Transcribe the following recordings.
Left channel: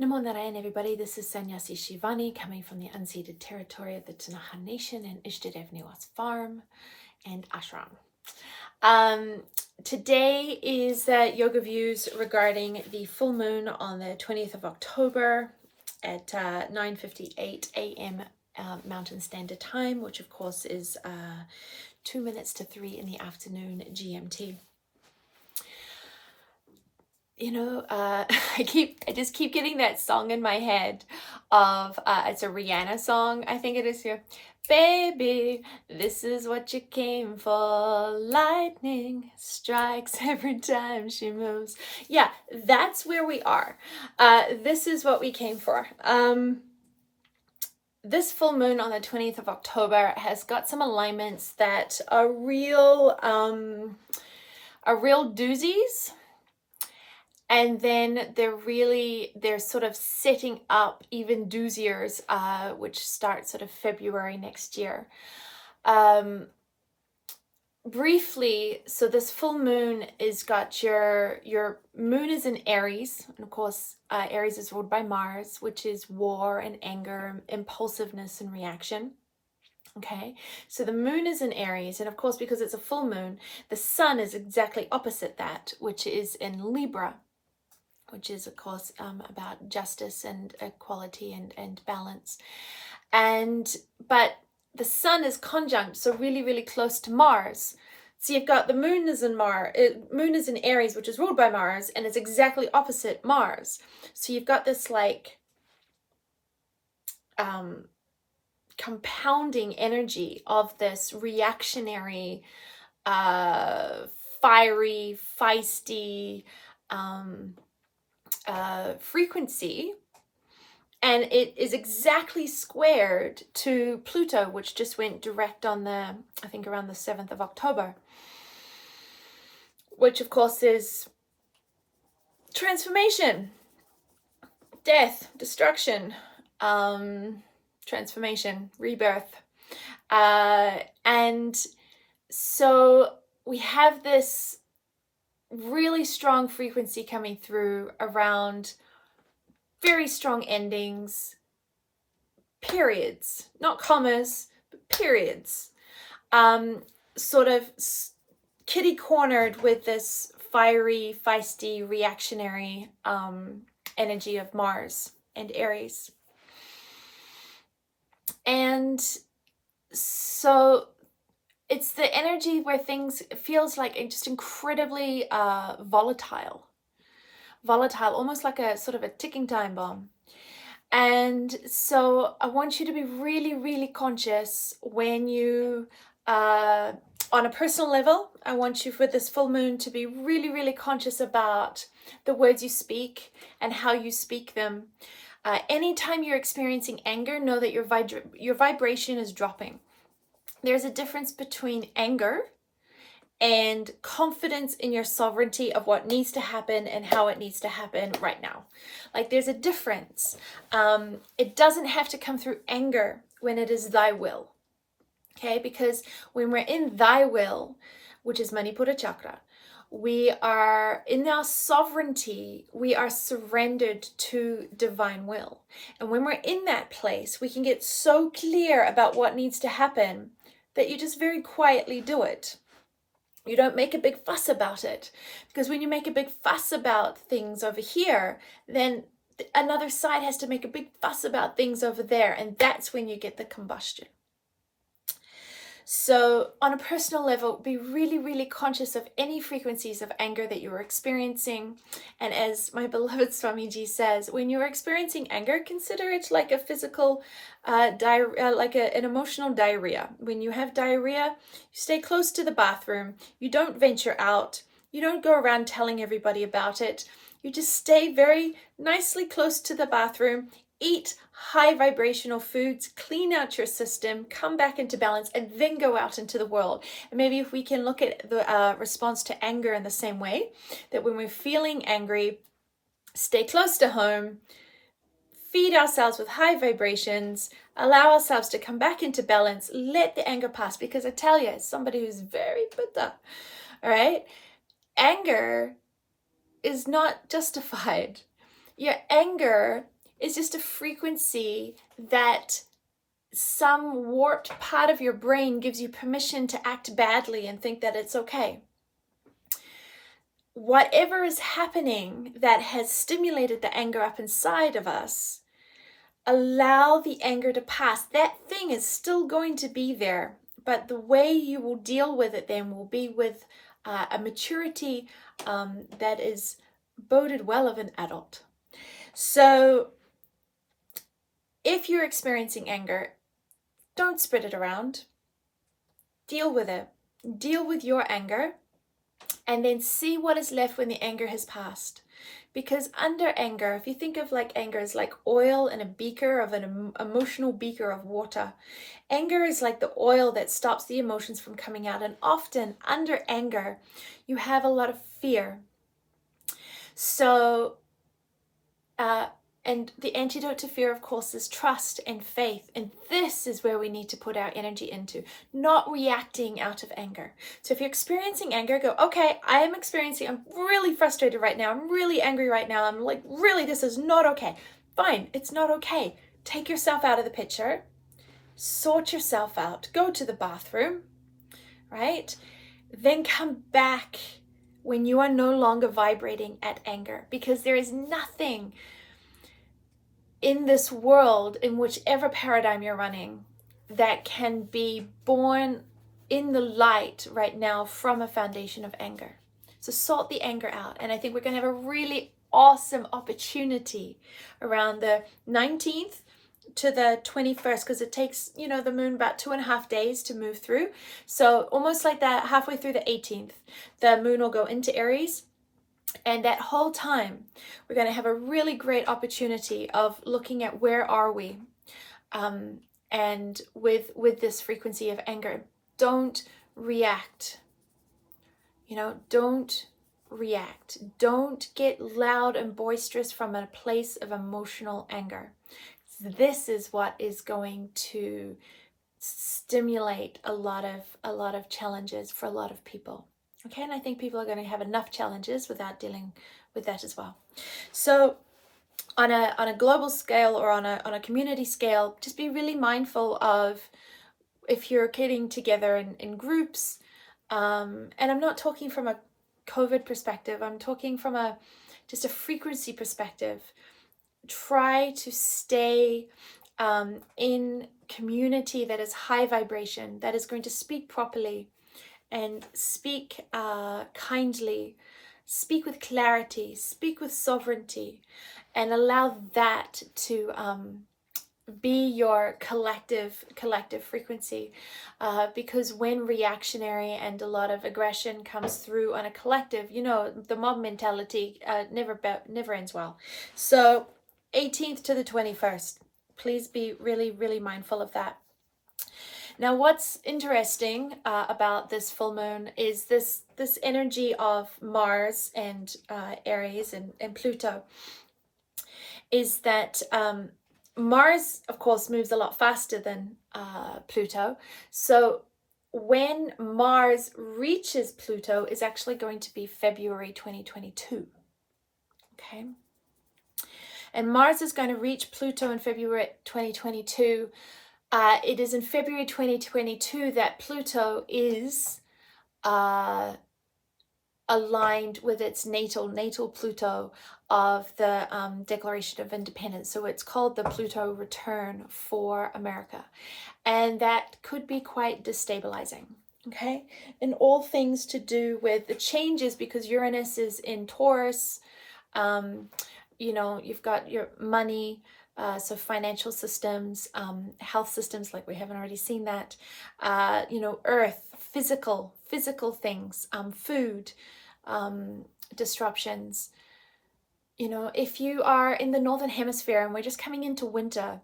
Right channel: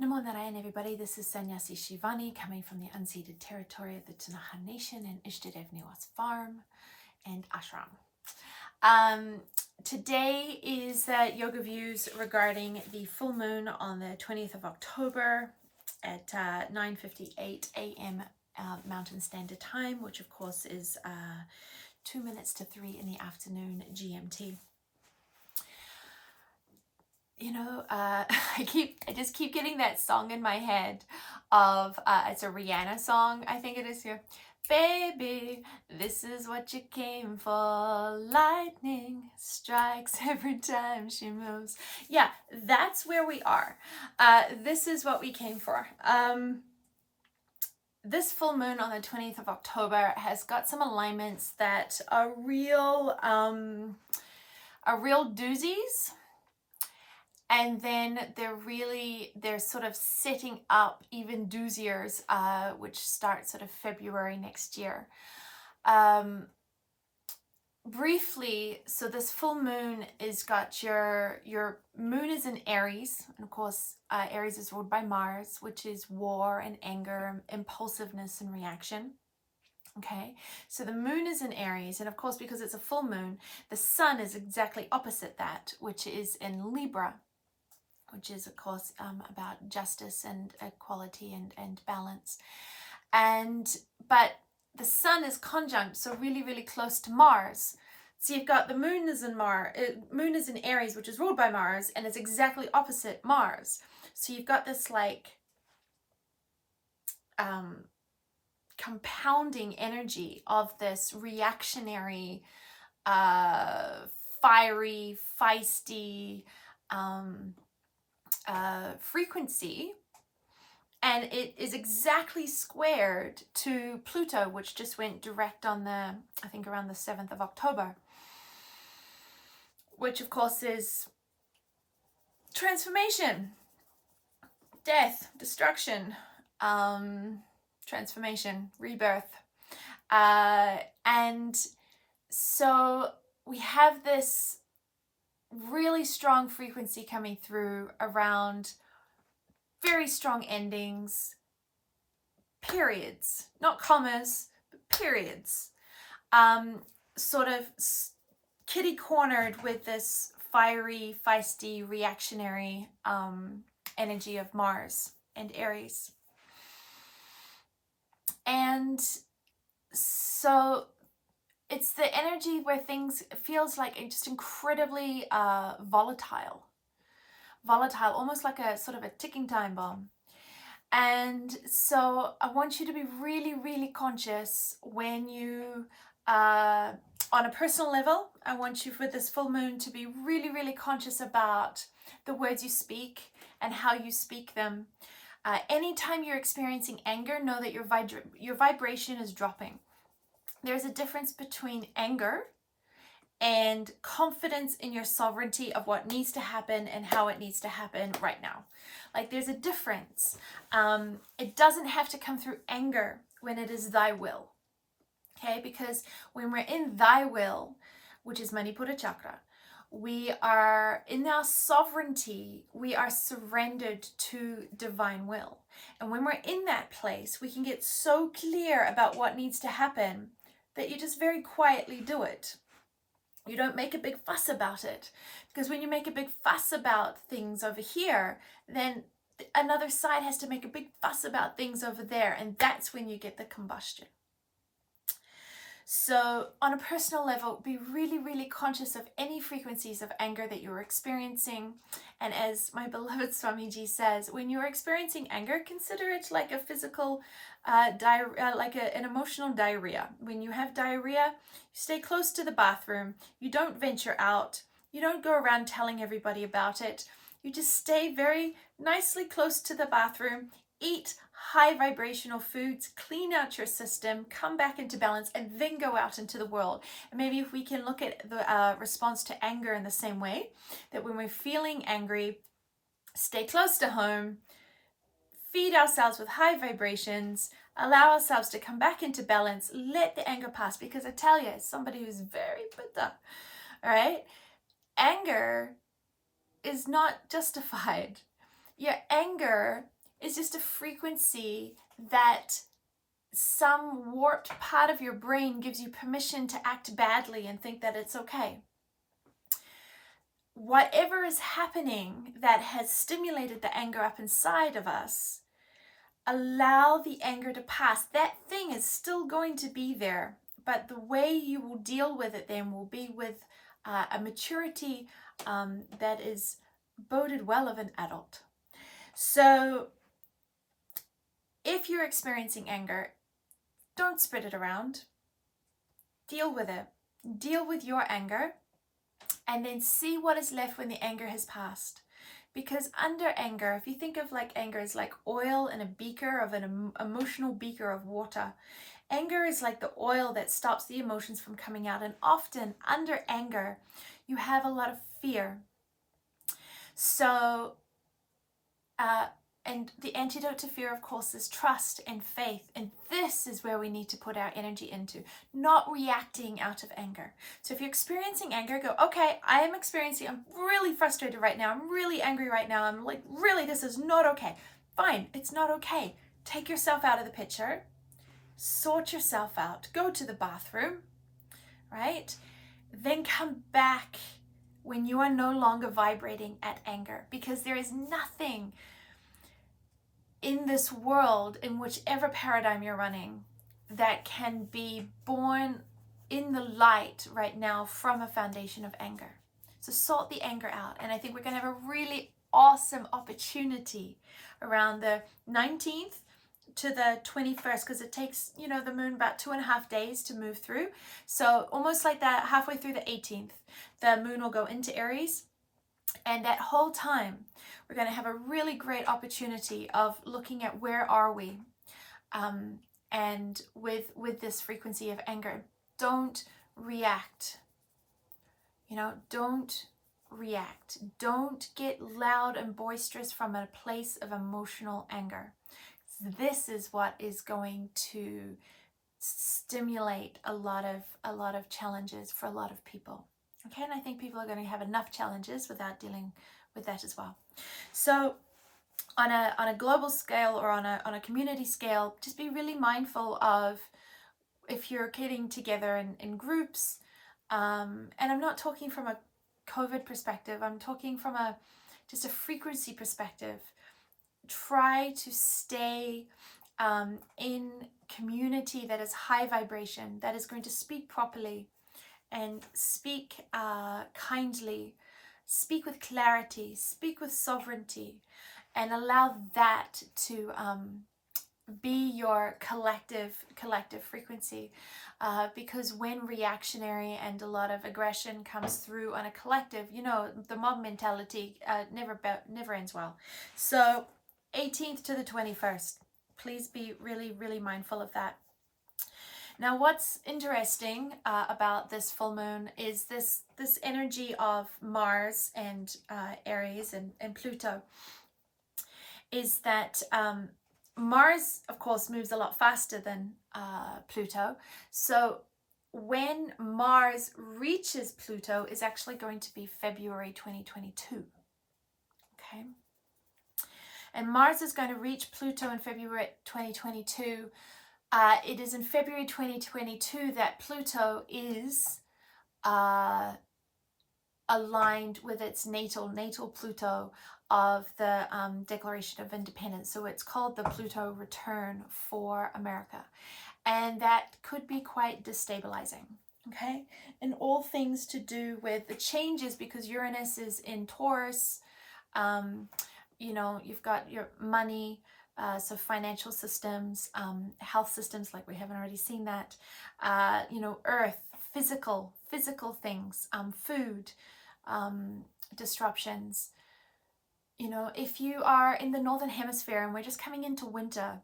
Namo Narayan, everybody. This is Sannyasi Shivani coming from the unceded territory of the Tanaha Nation and Ishtadev Niwas Farm and Ashram. Today is yoga views regarding the full moon on the 20th of October at 9:58 a.m. Mountain Standard Time, which of course is 2 minutes to 3 in the afternoon GMT. You know, I just keep getting that song in my head of, it's a Rihanna song, I think it is here. Baby, this is what you came for. Lightning strikes every time she moves. Yeah, that's where we are. This is what we came for. This full moon on the 20th of October has got some alignments that are real doozies. And then they're sort of setting up even dooziers, which start sort of February next year. Briefly, so this full moon is got your moon is in Aries, and of course Aries is ruled by Mars, which is war and anger, impulsiveness and reaction. Okay, so the moon is in Aries, and of course because it's a full moon, the sun is exactly opposite that, which is in Libra, which is of course about justice and equality and balance. But the sun is conjunct, so really close to Mars. So you've got the moon is in Aries, which is ruled by Mars, and it's exactly opposite Mars. So you've got this like compounding energy of this reactionary, fiery, feisty frequency, and it is exactly squared to Pluto, which just went direct on I think around the 7th of October, which of course is transformation, death, destruction, transformation, rebirth. And so we have this really strong frequency coming through around very strong endings, periods, not commas, but periods, sort of kitty cornered with this fiery, feisty, reactionary energy of Mars and Aries. And so it's the energy where things feels like just incredibly volatile, almost like a sort of a ticking time bomb. And so I want you to be really conscious when you, on a personal level, I want you for this full moon to be really conscious about the words you speak and how you speak them. Anytime you're experiencing anger, know that your vibration is dropping. There's a difference between anger and confidence in your sovereignty of what needs to happen and how it needs to happen right now. Like there's a difference. It doesn't have to come through anger when it is thy will. Okay, because when we're in thy will, which is Manipura chakra, we are in our sovereignty, we are surrendered to divine will. And when we're in that place, we can get so clear about what needs to happen that you just very quietly do it. You don't make a big fuss about it, because when you make a big fuss about things over here, then another side has to make a big fuss about things over there, and that's when you get the combustion. So on a personal level, be really conscious of any frequencies of anger that you are experiencing. And as my beloved Swamiji says, when you're experiencing anger, consider it like a physical diarrhea, like an emotional diarrhea. When you have diarrhea, you stay close to the bathroom. You don't venture out. You don't go around telling everybody about it. You just stay very nicely close to the bathroom. Eat high vibrational foods, clean out your system, come back into balance, and then go out into the world. And maybe if we can look at the response to anger in the same way, that when we're feeling angry, stay close to home, feed ourselves with high vibrations, allow ourselves to come back into balance, let the anger pass. Because I tell you, as somebody who's very pitta, all right, anger is not justified. Your anger is just a frequency that some warped part of your brain gives you permission to act badly and think that it's okay. Whatever is happening that has stimulated the anger up inside of us, allow the anger to pass. That thing is still going to be there, but the way you will deal with it then will be with a maturity that is boded well of an adult. So if you're experiencing anger, don't spread it around. Deal with it. Deal with your anger, and then see what is left when the anger has passed. Because under anger, if you think of like anger as like oil in a beaker, of an emotional beaker of water, anger is like the oil that stops the emotions from coming out. And often under anger, you have a lot of fear. So, and the antidote to fear, of course, is trust and faith. And this is where we need to put our energy into, not reacting out of anger. So if you're experiencing anger, go, okay, I'm really frustrated right now. I'm really angry right now. I'm like, really, this is not okay. Fine, it's not okay. Take yourself out of the picture. Sort yourself out. Go to the bathroom, right? Then come back when you are no longer vibrating at anger, because there is nothing in this world, in whichever paradigm you're running, that can be born in the light right now from a foundation of anger. So sort the anger out. And I think we're going to have a really awesome opportunity around the 19th to the 21st, because it takes, the moon about 2.5 days to move through. So almost like that, halfway through the 18th, the moon will go into Aries. And that whole time, we're going to have a really great opportunity of looking at where are we, and with this frequency of anger. Don't react. Don't react. Don't get loud and boisterous from a place of emotional anger. This is what is going to stimulate a lot of challenges for a lot of people. Okay, and I think people are going to have enough challenges without dealing with that as well. So on a global scale, or on a community scale, just be really mindful of, if you're getting together in groups, and I'm not talking from a COVID perspective, I'm talking from just a frequency perspective. Try to stay in community that is high vibration, that is going to speak properly and speak kindly, speak with clarity, speak with sovereignty, and allow that to be your collective frequency. Because when reactionary and a lot of aggression comes through on a collective, the mob mentality never ends well. So 18th to the 21st, please be really, really mindful of that. Now, what's interesting about this full moon is this energy of Mars and Aries and Pluto, is that Mars, of course, moves a lot faster than Pluto. So when Mars reaches Pluto is actually going to be February 2022. Okay. And Mars is going to reach Pluto in February 2022. It is in February 2022 that Pluto is aligned with its natal Pluto of the Declaration of Independence. So it's called the Pluto return for America. And that could be quite destabilizing. Okay. And all things to do with the changes, because Uranus is in Taurus. You've got your money, so financial systems, health systems, like we haven't already seen that, earth, physical things, food, disruptions. If you are in the Northern Hemisphere and we're just coming into winter,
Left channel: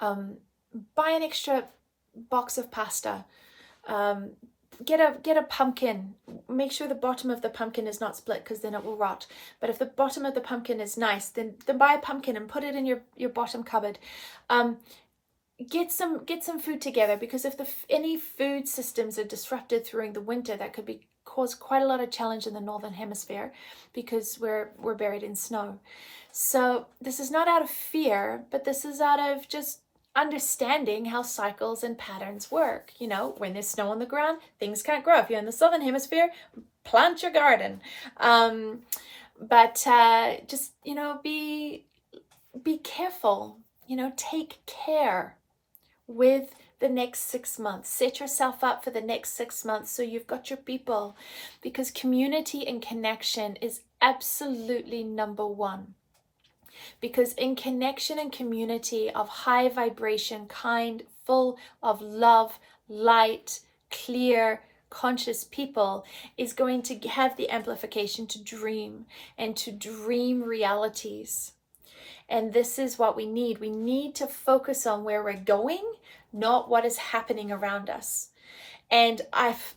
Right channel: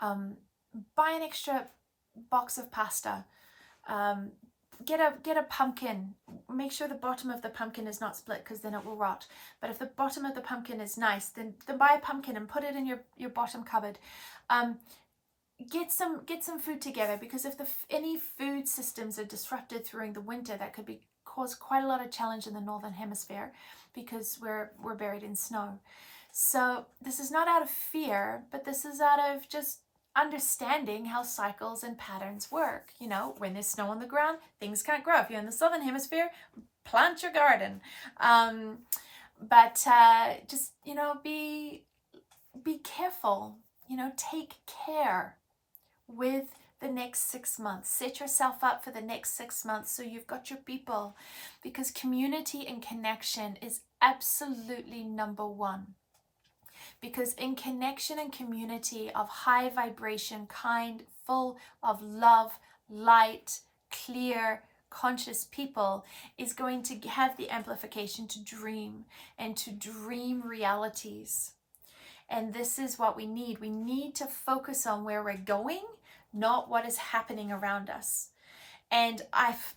buy an extra box of pasta, get a pumpkin. Make sure the bottom of the pumpkin is not split, because then it will rot. But if the bottom of the pumpkin is nice, then buy a pumpkin and put it in your bottom cupboard. Get some food together, because if any food systems are disrupted during the winter, that could cause quite a lot of challenge in the Northern Hemisphere, because we're buried in snow. So this is not out of fear, but this is out of just understanding how cycles and patterns work. You know, when there's snow on the ground, things can't grow. If you're in the southern hemisphere, plant your garden. But just, you know, be careful, you know, take care with the next 6 months. Set yourself up for the next 6 months so you've got your people, because community and connection is absolutely number one. Because in connection and community of high vibration, kind, full of love, light, clear, conscious people is going to have the amplification to dream and to dream realities. And this is what we need. We need to focus on where we're going, not what is happening around us. And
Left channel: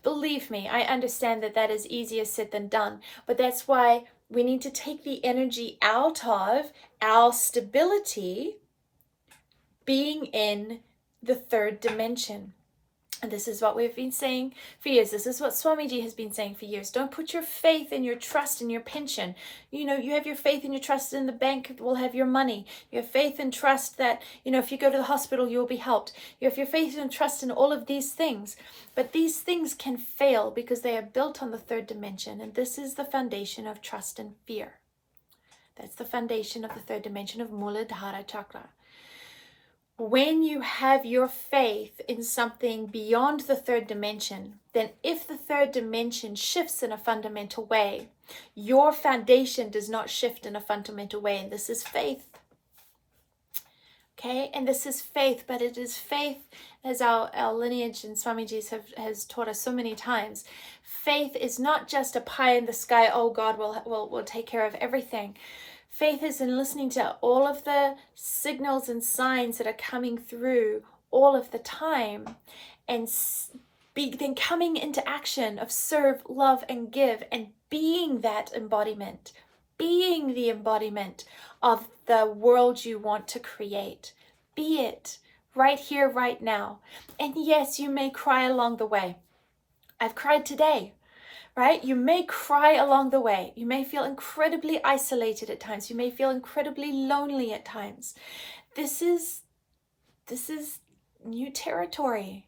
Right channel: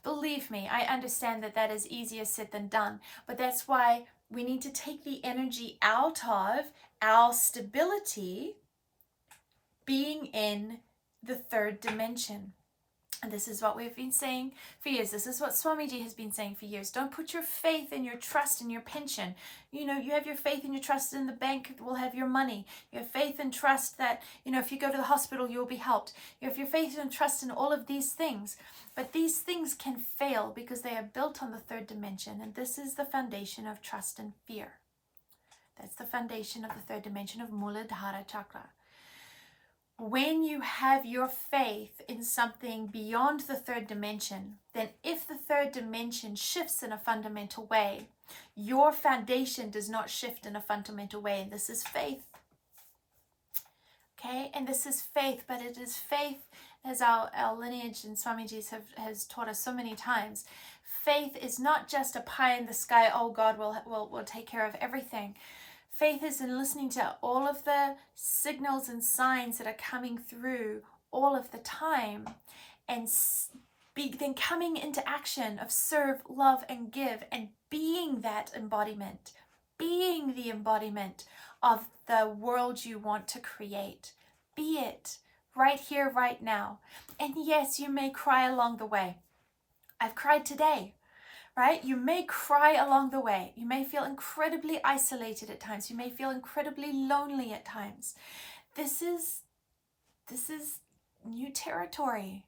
believe me, I understand that that is easier said than done, but that's why we need to take the energy out of our stability being in the third dimension. And this is what we've been saying for years. This is what Swamiji has been saying for years. Don't put your faith and your trust in your pension. You know, you have your faith and your trust in the bank will have your money. You have faith and trust that, you know, if you go to the hospital, you'll be helped. You have your faith and trust in all of these things. But these things can fail because they are built on the third dimension. And this is the foundation of trust and fear. That's the foundation of the third dimension of Muladhara Chakra. When you have your faith in something beyond the third dimension, then if the third dimension shifts in a fundamental way, your foundation does not shift in a fundamental way. And this is faith. Okay, and this is faith, but it is faith, as our lineage and Swamiji's has taught us so many times. Faith is not just a pie in the sky, oh God will take care of everything. Faith is in listening to all of the signals and signs that are coming through all of the time, and then coming into action of serve, love, and give, and being that embodiment, being the embodiment of the world you want to create. Be it right here, right now. And yes, you may cry along the way. I've cried today. Right? You may cry along the way. You may feel incredibly isolated at times. You may feel incredibly lonely at times. This is new territory.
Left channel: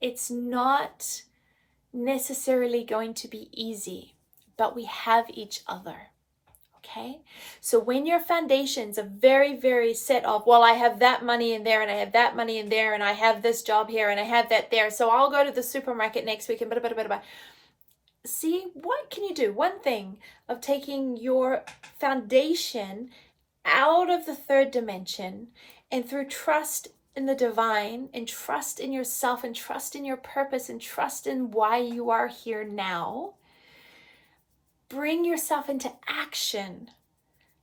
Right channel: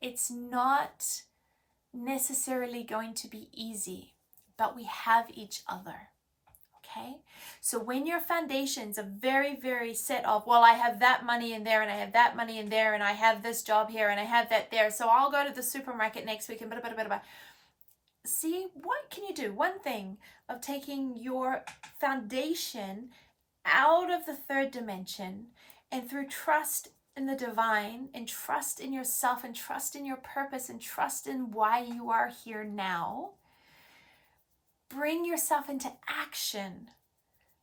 It's not necessarily going to be easy, but we have each other. Okay? So when your foundations are very, very set of, well, I have that money in there and I have that money in there and I have this job here and I have that there. So I'll go to the supermarket next week and blah. See, what can you do? One thing of taking your foundation out of the third dimension and through trust in the divine and trust in yourself and trust in your purpose and trust in why you are here now, bring yourself into action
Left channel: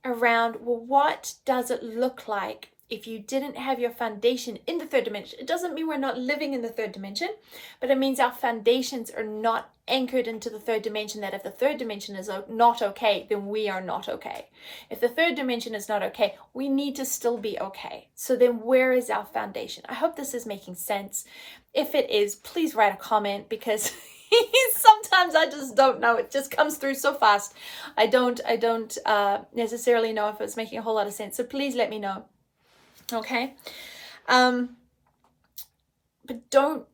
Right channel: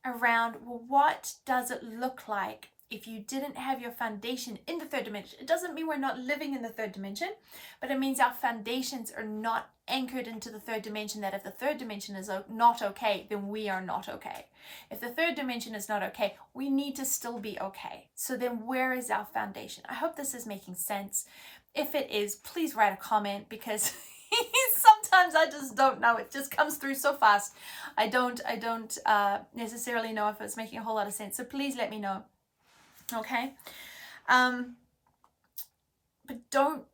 around, well, what does it look like if you didn't have your foundation in the third dimension? It doesn't mean we're not living in the third dimension, but it means our foundations are not anchored into the third dimension, that if the third dimension is not okay, then we are not okay. If the third dimension is not okay, we need to still be okay. So then where is our foundation? I hope this is making sense. If it is, please write a comment, because sometimes I just don't know. It just comes through so fast. I don't necessarily know if it's making a whole lot of sense. So please let me know. Okay, but don't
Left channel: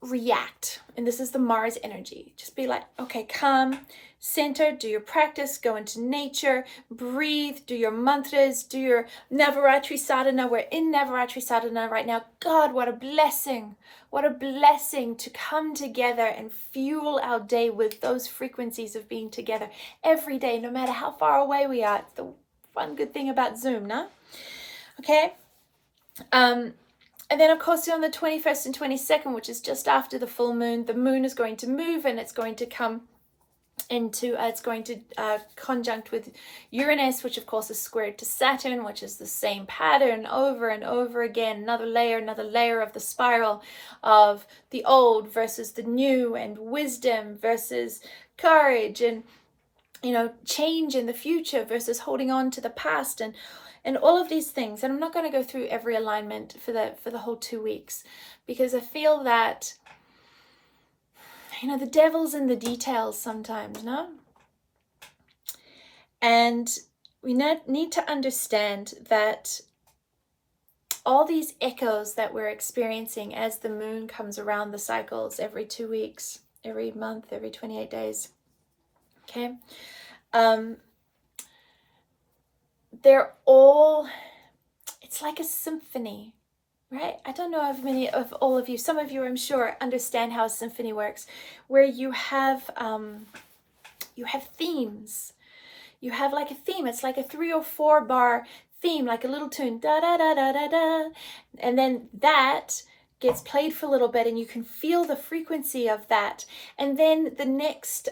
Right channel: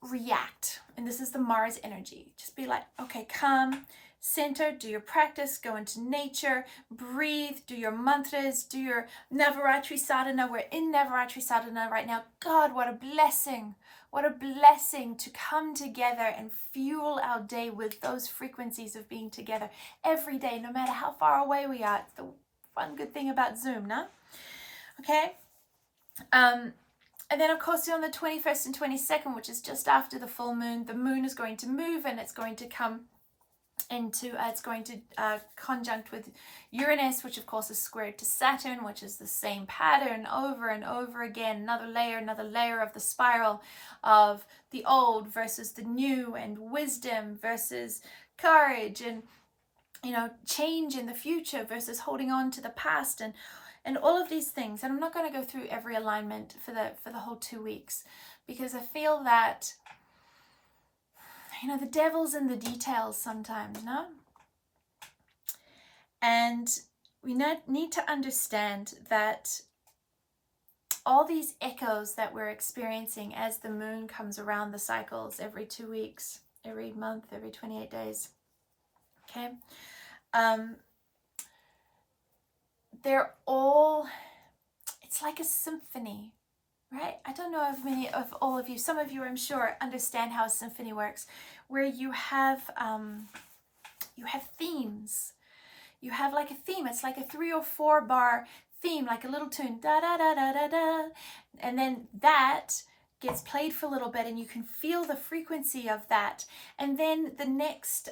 react. And this is the Mars energy. Just be like, okay, calm, center, do your practice, go into nature, breathe, do your mantras, do your Navaratri sadhana. We're in Navaratri sadhana right now. God, what a blessing. What a blessing to come together and fuel our day with those frequencies of being together every day, no matter how far away we are. It's the one good thing about Zoom, no? Okay. And then of course on the 21st and 22nd, which is just after the full moon, the moon is going to move and it's going to come into, conjunct with Uranus, which of course is squared to Saturn, which is the same pattern over and over again, another layer of the spiral of the old versus the new, and wisdom versus courage, and, you know, change in the future versus holding on to the past, and all of these things. And I'm not going to go through every alignment for the whole 2 weeks, because I feel that, you know, the devil's in the details sometimes, no? And need to understand that all these echoes that we're experiencing as the moon comes around the cycles every 2 weeks, every month, every 28 days, okay? They're all, it's like a symphony, right? I don't know if many of all of you, some of you I'm sure understand how a symphony works, where you have themes. You have like a theme. It's like a 3 or 4 bar theme, like a little tune, da da da da da da, and then that gets played for a little bit and you can feel the frequency of that, and then the next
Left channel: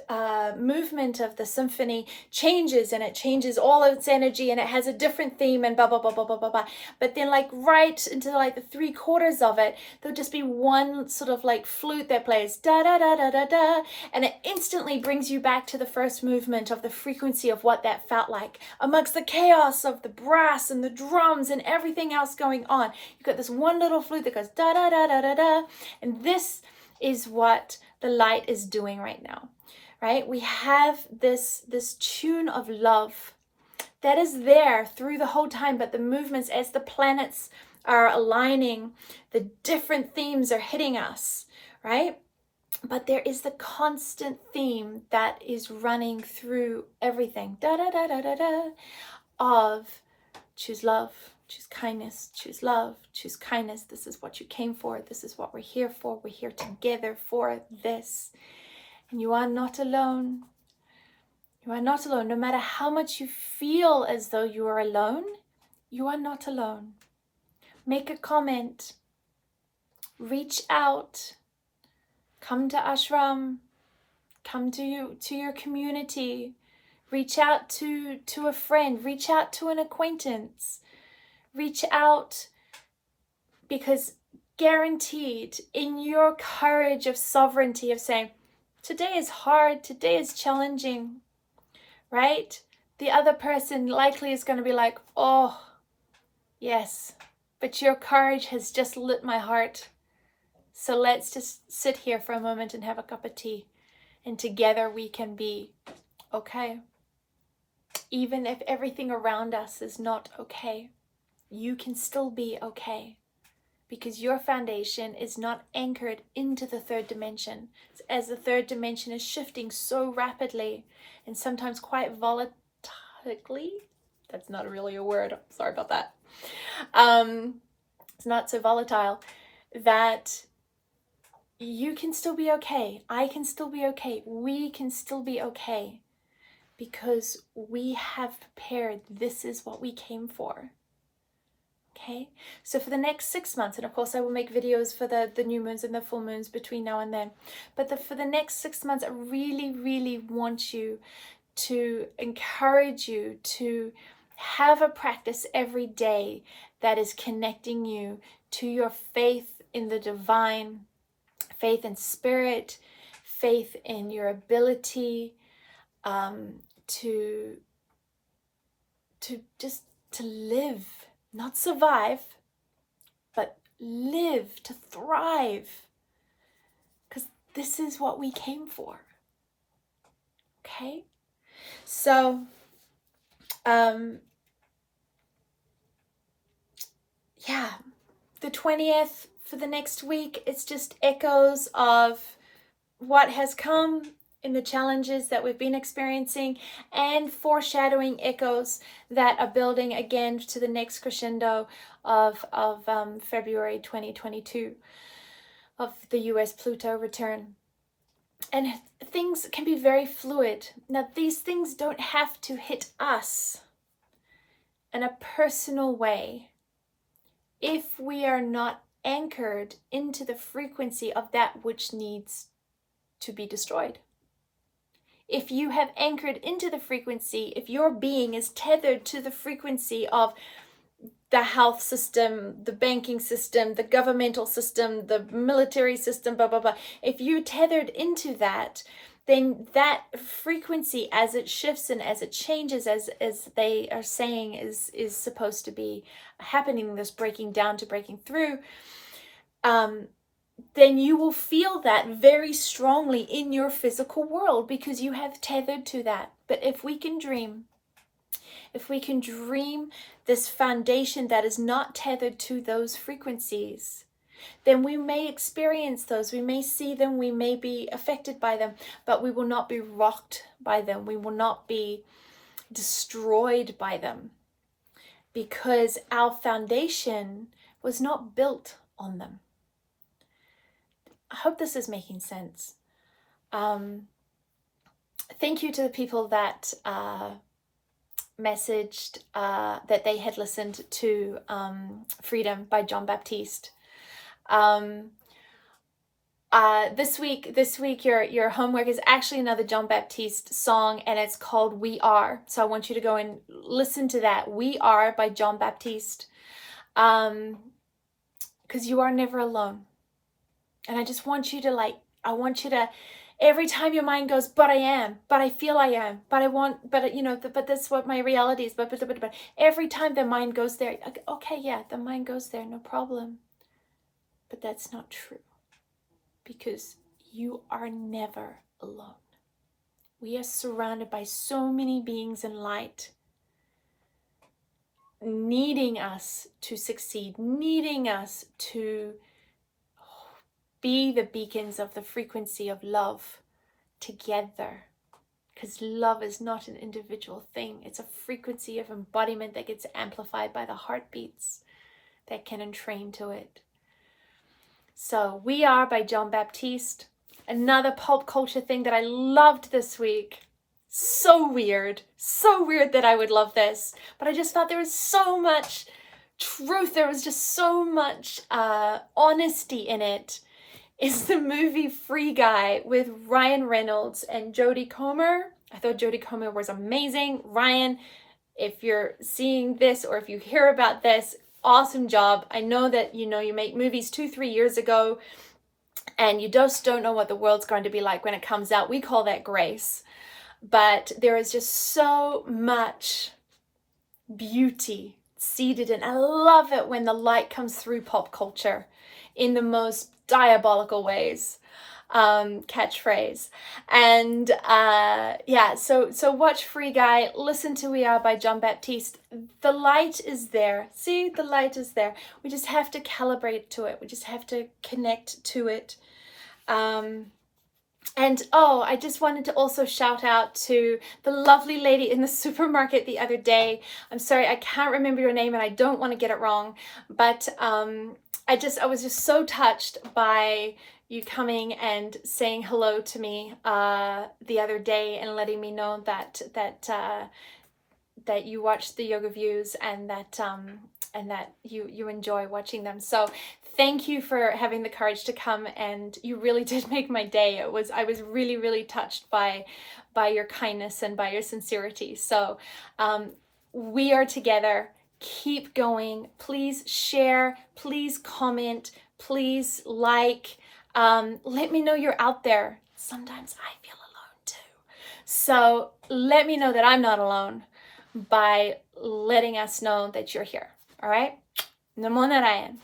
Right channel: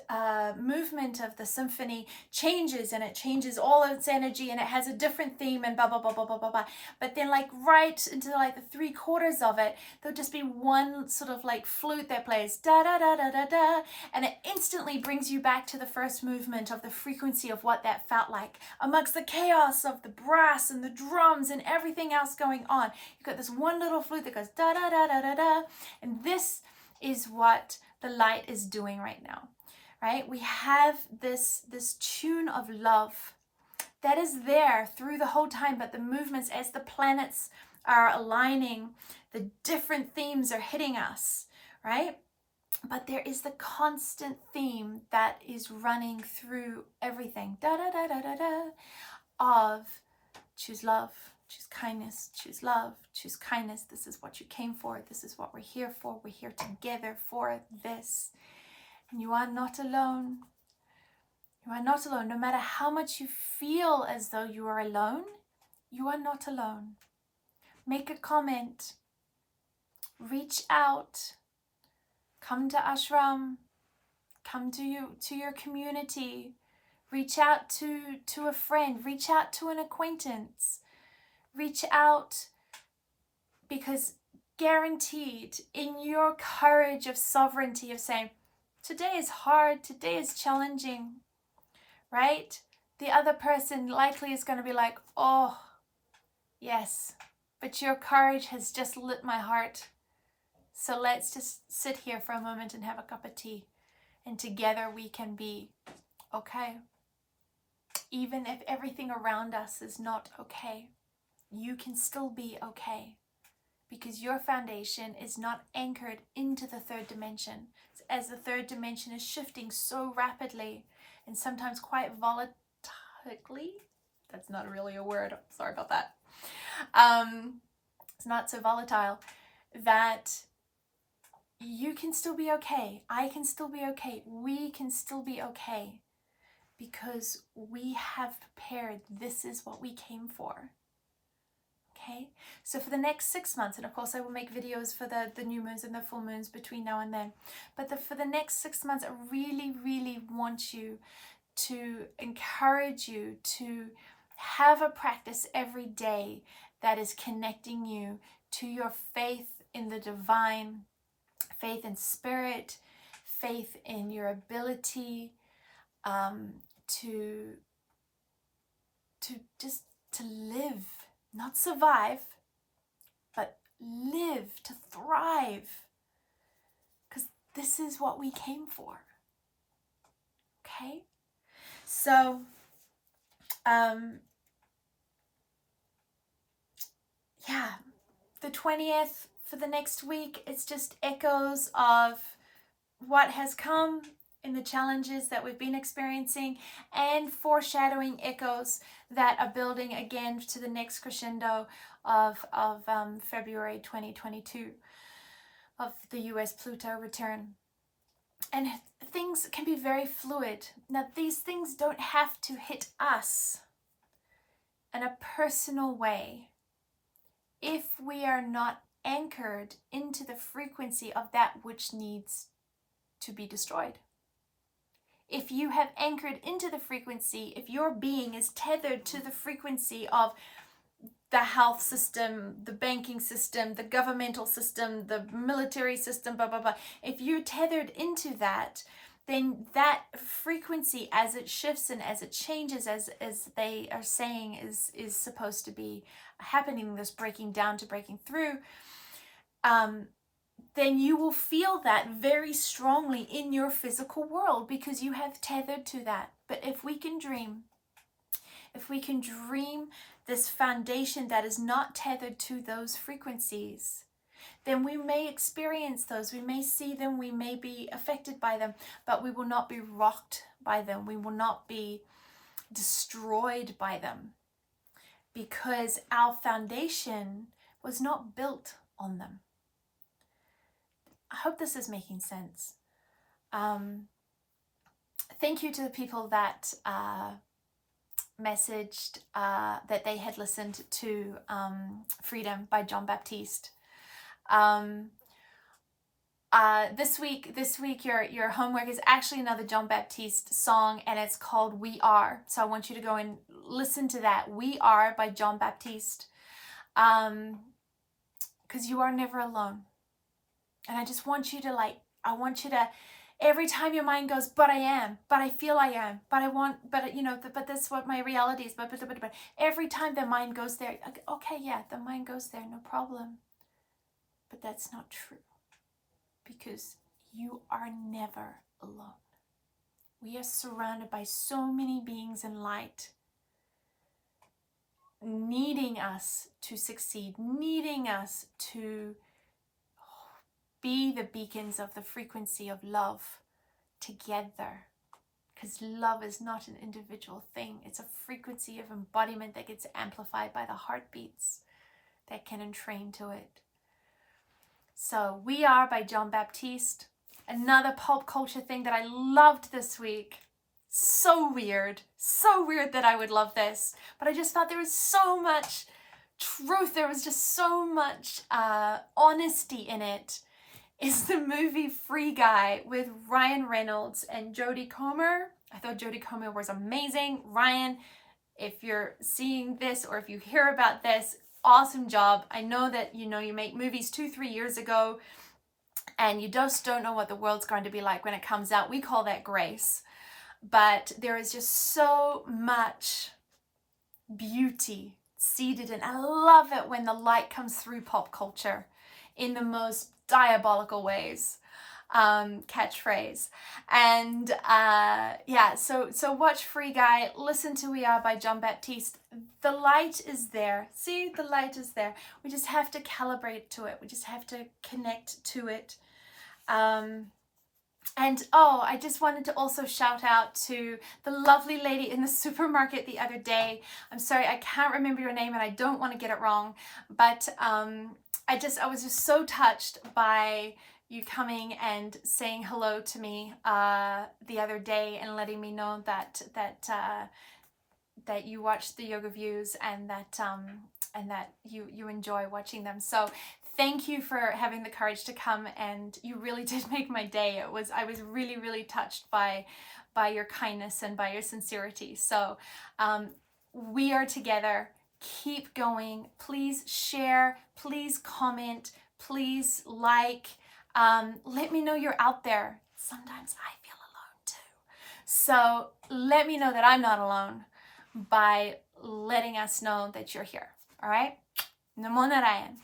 movement of the symphony changes, and it changes all of its energy and it has a different theme and blah blah blah blah blah blah blah. But then like right into like the 3/4 of it, there'll just be one sort of like flute that plays da da da da da da, and it instantly brings you back to the first movement of the frequency of what that felt like amongst the chaos of the brass and the drums and everything else going on. You've got this one little flute that goes da da da da da da, and this is what the light is doing right now, right? We have this tune of love that is there through the whole time, but the movements as the planets are aligning, the different themes are hitting us, right? But there is the constant theme that is running through everything, da da da da da da, of choose love, choose kindness, choose love, choose kindness. This is what you came for. This is what we're here for. We're here together for this. And you are not alone. You are not alone. No matter how much you feel as though you are alone, you are not alone. Make a comment. Reach out. Come to ashram. Come to your community. Reach out to a friend. Reach out to an acquaintance. Reach out, because guaranteed in your courage of sovereignty of saying, today is hard, today is challenging, right? The other person likely is going to be like, oh, yes, but your courage has just lit my heart. So let's just sit here for a moment and have a cup of tea, and together we can be okay. Even if everything around us is not okay, you can still be okay, because your foundation is not anchored into the third dimension. As the third dimension is shifting so rapidly and sometimes quite volatilely, that's not really a word, sorry about that. It's not so volatile, that you can still be okay. I can still be okay. We can still be okay, because we have prepared. This is what we came for. Okay, so for the next 6 months, and of course I will make videos for the new moons and the full moons between now and then, but for the next 6 months, I really, really want you to encourage you to have a practice every day that is connecting you to your faith in the divine, faith in spirit, faith in your ability to live. Not survive, but live, to thrive. Because this is what we came for. Okay? So, yeah, the 20th for the next week, it's just echoes of what has come in the challenges that we've been experiencing, and foreshadowing echoes that are building again to the next crescendo of February 2022 of the US Pluto return. And things can be very fluid. Now, these things don't have to hit us in a personal way if we are not anchored into the frequency of that which needs to be destroyed. If you have anchored into the frequency, if your being is tethered to the frequency of the health system, the banking system, the governmental system, the military system, blah, blah, blah, if you're tethered into that, then that frequency, as it shifts and as it changes, as they are saying is supposed to be happening, this breaking down to breaking through, then you will feel that very strongly in your physical world, because you have tethered to that. But if we can dream, if we can dream this foundation that is not tethered to those frequencies, then we may experience those, we may see them, we may be affected by them, but we will not be rocked by them, we will not be destroyed by them, because our foundation was not built on them. I hope this is making sense. Thank you to the people that messaged that they had listened to Freedom by John Baptiste. This week your homework is actually another John Baptiste song, and it's called We Are. So I want you to go and listen to that. We Are by John Baptiste. Because you are never alone. And I just want you to every time your mind goes, but I am, but I feel I am, but I want, but you know, but that's what my reality is, but every time the mind goes there, okay, yeah, the mind goes there, no problem. But that's not true, because you are never alone. We are surrounded by so many beings in light, needing us to succeed, needing us to be the beacons of the frequency of love together. Because love is not an individual thing. It's a frequency of embodiment that gets amplified by the heartbeats that can entrain to it. So We Are by John Baptiste. Another pop culture thing that I loved this week. So weird that I would love this. But I just thought there was so much truth. There was just so much honesty in it. Is the movie Free Guy with Ryan Reynolds and Jodie Comer. I thought Jodie Comer was amazing. Ryan, if you're seeing this or if you hear about this, awesome job. I know that you make movies 2-3 years ago and you just don't know what the world's going to be like when it comes out. We call that grace. But there is just so much beauty seated in. I love it when the light comes through pop culture in the most diabolical ways. Catchphrase. And yeah, so watch Free Guy, listen to We Are by John Baptiste. The light is there. See, the light is there. We just have to calibrate to it. We just have to connect to it. And oh, I just wanted to also shout out to the lovely lady in the supermarket the other day. I'm sorry, I can't remember your name and I don't want to get it wrong, but I was just so touched by you coming and saying hello to me the other day and letting me know that you watched the yoga views and that you enjoy watching them. So thank you for having the courage to come, and you really did make my day. I was really, really touched by your kindness and by your sincerity. So we are together. Keep going. Please share. Please comment. Please like. Let me know you're out there. Sometimes I feel alone too. So let me know that I'm not alone by letting us know that you're here. All right? Namo Narayan.